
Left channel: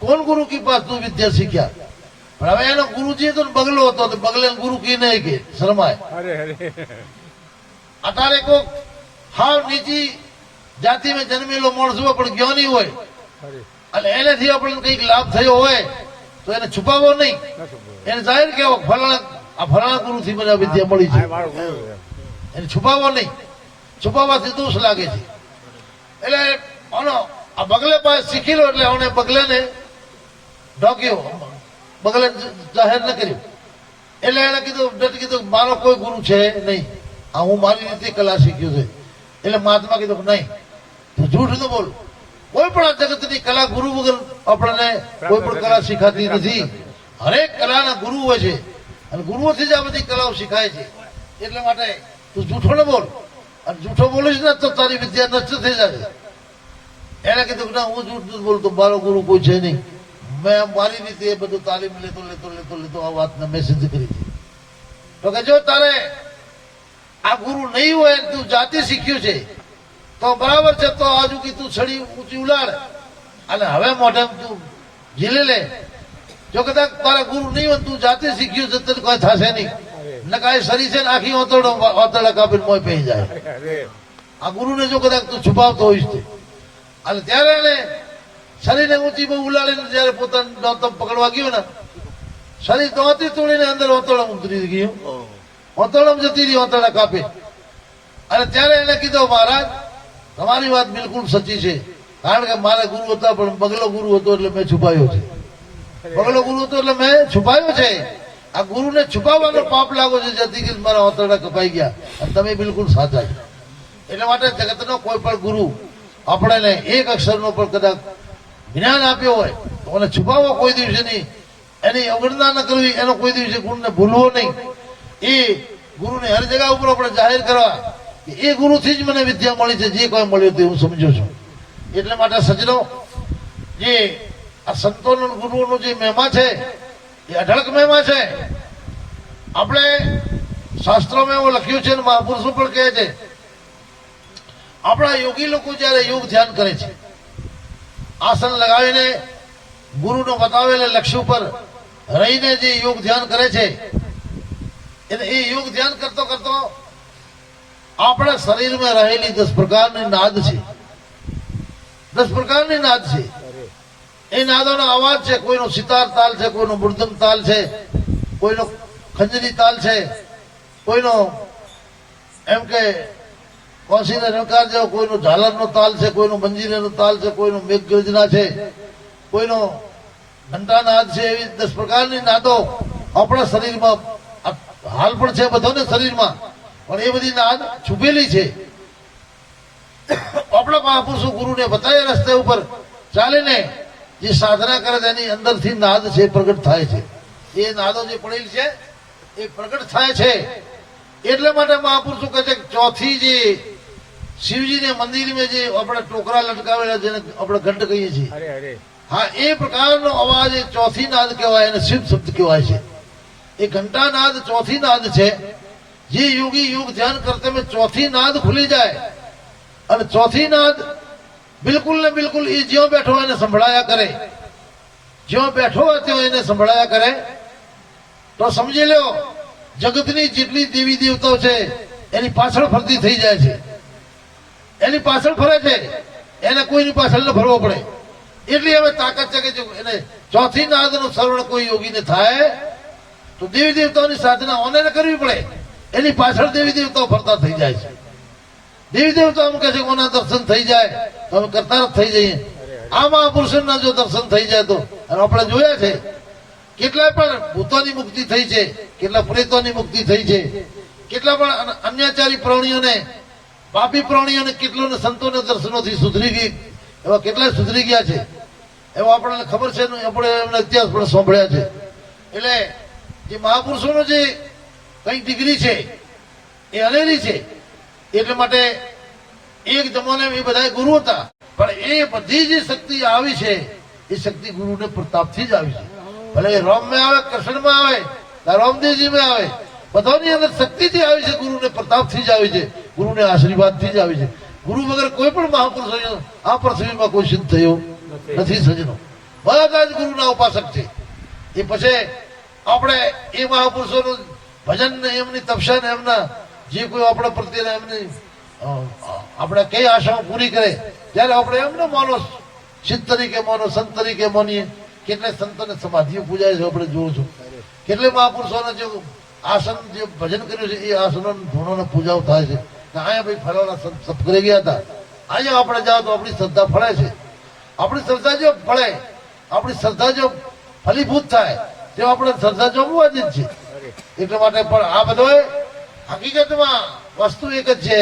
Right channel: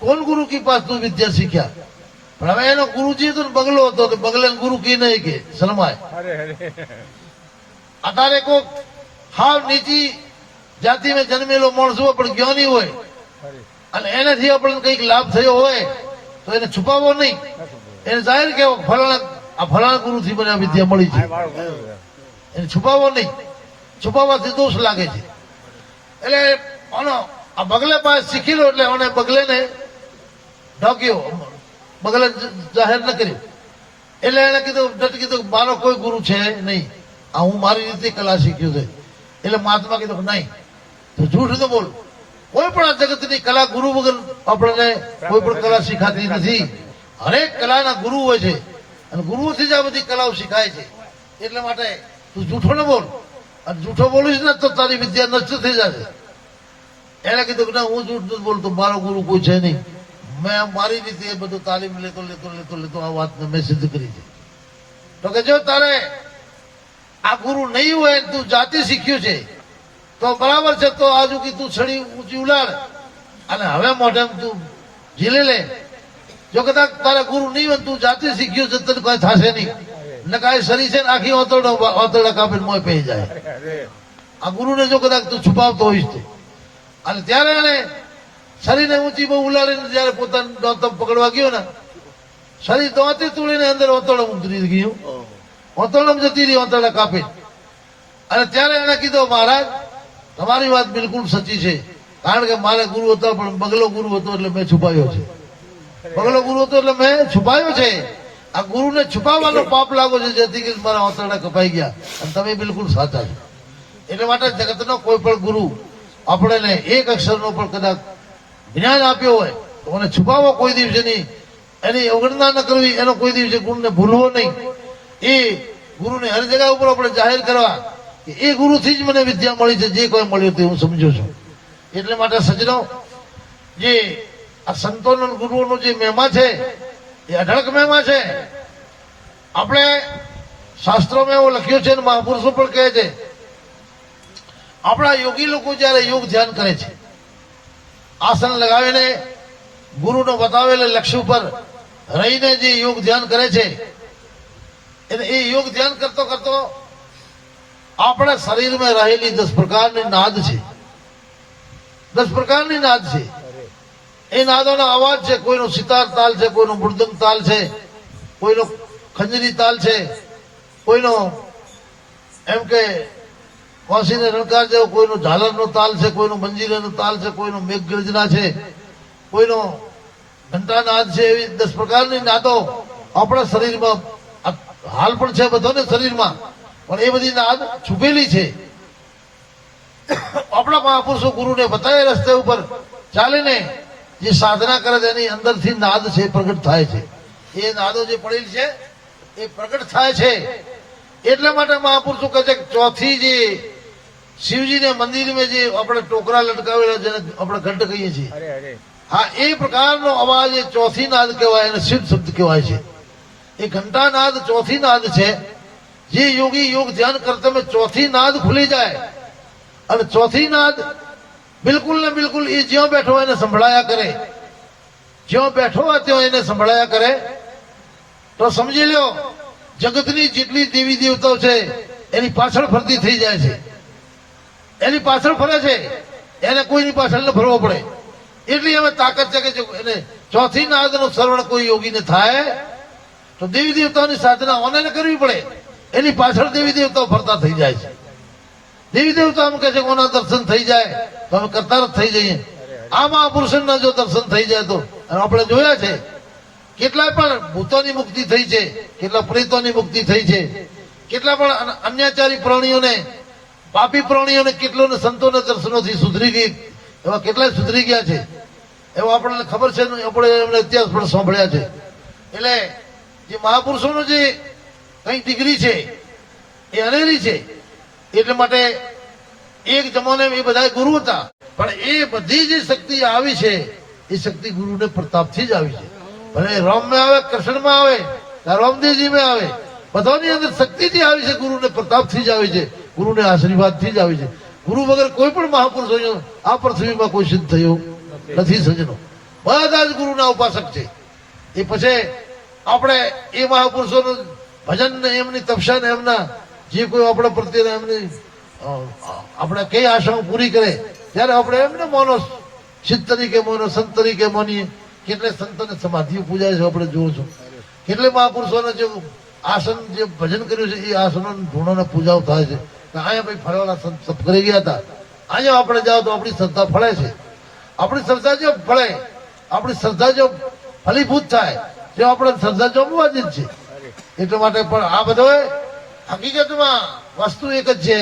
કોણ ગુરુ કી પાસ તું વિદ્યા શીખ્યા? પણ હવે એનો ગુરુજી હતો ને બગલો હતો, તો બગલે ગુરુ કી નહીં કે શરમાય. અત્યારે કોક હાવ નીચી જાતિમાં જન્મેલો માણસ હોય પણ જ્ઞાની હોય અને એનાથી આપણને કંઈક લાભ થયો હોય તો એને છુપાવવો નહીં, એને જાહેર કહેવો ફલાણા ગુરુથી મને આ વિદ્યા મળી છે. એને છુપાવવો નહીં, છુપાવવાથી દોષ લાગે છે. એટલે આ બગલે પાસે શીખી લો એટલે મને બગલેને ઢોક્યો, બગલે જાહેર ન કર્યું. એટલે એને કીધું મારો કોઈ ગુરુ છે નહીં, આ હું મારી રીતે કલા શીખ્યું છે. એટલે મહાત્મા કીધું નહીં, તું જૂઠ ન બોલ. કોઈ પણ આ જગતની કલા ગુરુ વગર આપણને કોઈ પણ કલા શીખાતી નથી. હરેક કલાના ગુરુ હોય છે અને ગુરુઓથી જ આ બધી કલાઓ શીખાય છે. એટલા માટે તું જૂઠો ન બોલ, અને જૂઠો બોલીશ ને તો તારી વિદ્યા નષ્ટ થઈ જશે. એને કીધું કે ના, હું જૂઠ નથી બોલતો, મારો ગુરુ કોઈ છે નહીં. મેં મારી રીતે બધું તાલીમ લેતો આ વાતને મેં સિદ્ધ કરી છે. તો કે જો તારે આ ગુરુ નહીં હોય, તું જાતિ શીખ્યું છે તો બરાબર છે, તો આજુ કે તું છડી ઊંચી ઉલાડ અને હવે મોઢામાં તું ઝીલે લે. જો કદાચ તારા ગુરુ નહીં હોય, તું જાતિ શીખ્યું છે, તને કોઈ થશે નહીં. ને કાંઈ શરીર છે ને આખી ઓતરડા કાપીને મોય પહી જાય. આ ગુરુને જો કદાચ તું છુપાવતો હોઈશ તો. અને ત્યારે એને શરીરને ઊંચી બહુ ઉલાડીને જયારે પોતાનું દોતમ પકડવા ગયો ને, શરીર દોતી તોડીને અંદર ઓતરડા ઉતરી ગયું, ઓતરડામાં જતી રહી, ઓતરડા કાપી. અને ત્યારે એને કીધું, મહારાજ તમારી વાત બિલકુલ સચી છે, કારણ કે મારા ગુરુ હતા પણ બગલો ગુરુ હતો એટલે મેં છુપાયો છે. બગલો ગુરુ હતો એટલે મેં છુપાયો છે. આ ગુરુને છુપાવવાનો પાપ લાગો છે, જેથી કે મારા ઓતરડા કપાઈ ગયા. અને તમે બિલકુલ સાચા છો. એટલે માટે જગતનો કોઈ પણ ગુરુ આપણને એક અક્ષરનો પણ કદાચ જ્ઞાન આપ્યો હોય તો એને છુપાવવો કોઈ દિવસે નહીં, એની અવગણના ન કરવી, એનો કોઈ દિવસે ગુરુને ભૂલવો નહીં. એ ગુરુને હર જગ્યા ઉપર આપણે જાહેર કરવા કે એ ગુરુથી જ મને વિદ્યા મળી છે, જે કોઈ મળ્યું તે હું સમજુ છું. એટલે માટે સજ્જનો, જે આ સંતોનું ગુરુઓનું જે મહિમા છે એ અઢળક મહિમા છે. આપણે શાસ્ત્રોમાં એવો લખ્યું છે અને મહાપુરુષો પણ કહે છે, આપણા યોગી લોકો જયારે યોગ ધ્યાન કરે છે, આસન લગાવીને ગુરુનો બતાવેલા લક્ષ્ય ઉપર રહીને જે યોગ ધ્યાન કરે છે, એટલે એ યોગ ધ્યાન કરતો કરતો આપણા શરીરમાં રહેલી 10 પ્રકારની નાદ છે. 10 પ્રકારની નાદ છે. એ નાદોનો અવાજ છે. કોઈનો સિતાર તાલ છે, કોઈનો મૃદંગ તાલ છે, કોઈનો ખંજરી તાલ છે, કોઈનો એમ કે કોશીને રણકાર જેવો કોઈનો ઝાલરનો તાલ છે, કોઈનો મંજીરાનો તાલ છે, કોઈનો મેઘગર્જના છે, કોઈનો ઘંટાનાદ છે. એવી 10 પ્રકારની નાદો આપણા શરીરમાં હાલ પણ છે, બધાને શરીરમાં, પણ એ બધી નાદ છુપેલી છે. આપણા મહાપુરુષો ગુરુને બતાવ્યા રસ્તે ઉપર ચાલીને જે સાધના કરે છે એની અંદરથી નાદ છે પ્રગટ થાય છે. એ નાદો જે પડેલી છે એ પ્રગટ થાય છે. એટલા માટે મહાપુરુષો કહે છે કે ચોથી જે શિવજીને મંદિરમાં જે આપણે ટોકરા લટકાવેલા જેને આપણે ઘંટ કહીએ છીએ, હા, એ પ્રકારનો અવાજ એ ચોથી નાદ કહેવાય, એને શિવ શબ્દ કહેવાય છે. એ ઘંટા નાદ ચોથી નાદ છે. જે યોગી યોગ ધ્યાન કરતા ચોથી નાદ ખુલી જાય અને ચોથી નાદ બિલકુલ ને બિલકુલ એ જ્યાં બેઠો હોય એને સંભળાયા કરે, જ્યાં બેઠો હોય ત્યાં એને સંભળાયા કરે, તો સમજી લો જગતની જેટલી દેવી દેવતાઓ છે એની પાછળ ફરતી થઈ જાય છે. એની પાછળ ફરે છે, એને કોઈની પાછળ ન ફરવો પડે. એટલી હવે તાકાત છે કે જો એને ચોથી નાદનું શ્રવણ કોઈ યોગીને થાય તો દેવી દેવતાની સાધના ઓને કરવી પડે, એની પાછળ દેવી દેવતાઓ ફરતા થઈ જાય છે. દેવી દેવતા એમ કહે છે કોના દર્શન થઈ જાય તો અમે કરતા જ થઈ જઈએ. આ મહાપુરુષોના જો દર્શન થઈ જાય તો, આપણે જોયા છે કેટલાય પણ ભૂતોની મુક્તિ થઈ છે, કેટલા પ્રેતોની મુક્તિ થઈ છે, કેટલા પણ અન્યાચારી પ્રાણીઓને, પાપી પ્રાણીઓને કેટલોને સંતોને દર્શનોથી સુધરી ગઈ, એવા કેટલાય સુધરી ગયા છે. એવા આપણને ખબર છે ને, આપણે એમને ઇતિહાસ પણ સાંભળ્યા છે. એટલે જે મહાપુરુષોનો જે કઈ ડિગ્રી છે એ અનેરી છે. એટલે માટે એક જમાને એ બધા ગુરુ હતા, પણ એ બધી જે શક્તિ આવી છે એ શક્તિ ગુરુને પ્રતાપથી જ આવી છે. ભલે રામમાં આવે, કૃષ્ણમાં આવે, રામદેવજીમાં આવે, બધાની અંદર શક્તિથી આવી છે, ગુરુને પ્રતાપથી જ આવી છે, ગુરુને આશીર્વાદથી જ આવી છે. ગુરુ વગર કોઈ પણ મહાપુરુષો આ પૃથ્વીમાં કોઈ સિદ્ધ થયું નથી. સજ્જનો બધા જ ગુરુના ઉપાસક છે. એ પછી આપણે એ મહાપુરુષોનું ભજન ને એમની તપસ્યા ને એમના જે કોઈ આપણા પ્રત્યે એમની આપણે કઈ આશાઓ પૂરી કરે ત્યારે આપણે એમને માનો સિદ્ધ તરીકે માનો, સંત તરીકે માનીએ. કેટલે સંતોને સમાધિઓ પૂજાય છે આપણે જોઉં છું. કેટલે મહાપુરુષોને જે આસન જે ભજન કર્યું છે એ આસનો ગુણોને પૂજાઓ થાય છે. અહીંયા ભાઈ ફલાણા સંત સપ કરી ગયા હતા, અહીંયા આપણે જાઓ તો આપણી શ્રદ્ધા ફળે છે. આપણી શ્રદ્ધા જો ફળે, આપણી શ્રદ્ધા જો ફલીભૂત થાય તો આપણે શ્રદ્ધા જોમવાથી જ છે. એટલા માટે પણ આ બધો હકીકતમાં વસ્તુ એક જ છે,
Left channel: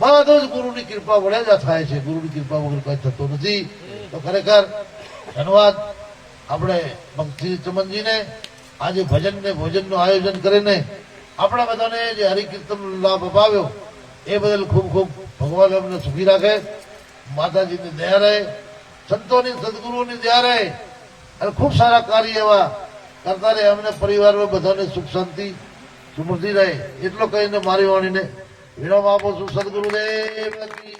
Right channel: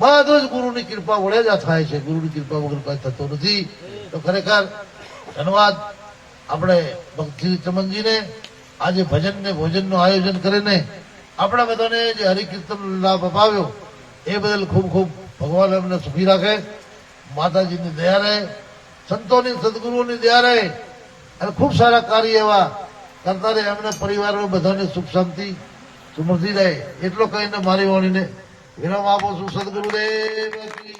બધું જ ગુરુની કૃપા વડે જ થાય છે. ગુરુની કૃપા વગર કઈ થતું નથી. તો ખરેખર ધન્યવાદ આપણે ભક્તિ ચમનજીને આજે ભજન ને ભોજનનું આયોજન કરીને આપણા બધાને જે હરિકીર્તન લાભ અપાવ્યો એ બદલ ખૂબ ખૂબ ભગવાન અમને સુખી રાખે, માતાજીની દયા રહે, સંતોની સદગુરુઓની દયા રહે અને ખૂબ સારા કાર્ય એવા કરતા રહે. એમને પરિવારો બધાને સુખ શાંતિ સમૃદ્ધિ રહે એટલો કહીને મારી વાણીને વિરામ આપો છું. સદગુરુદેવ કી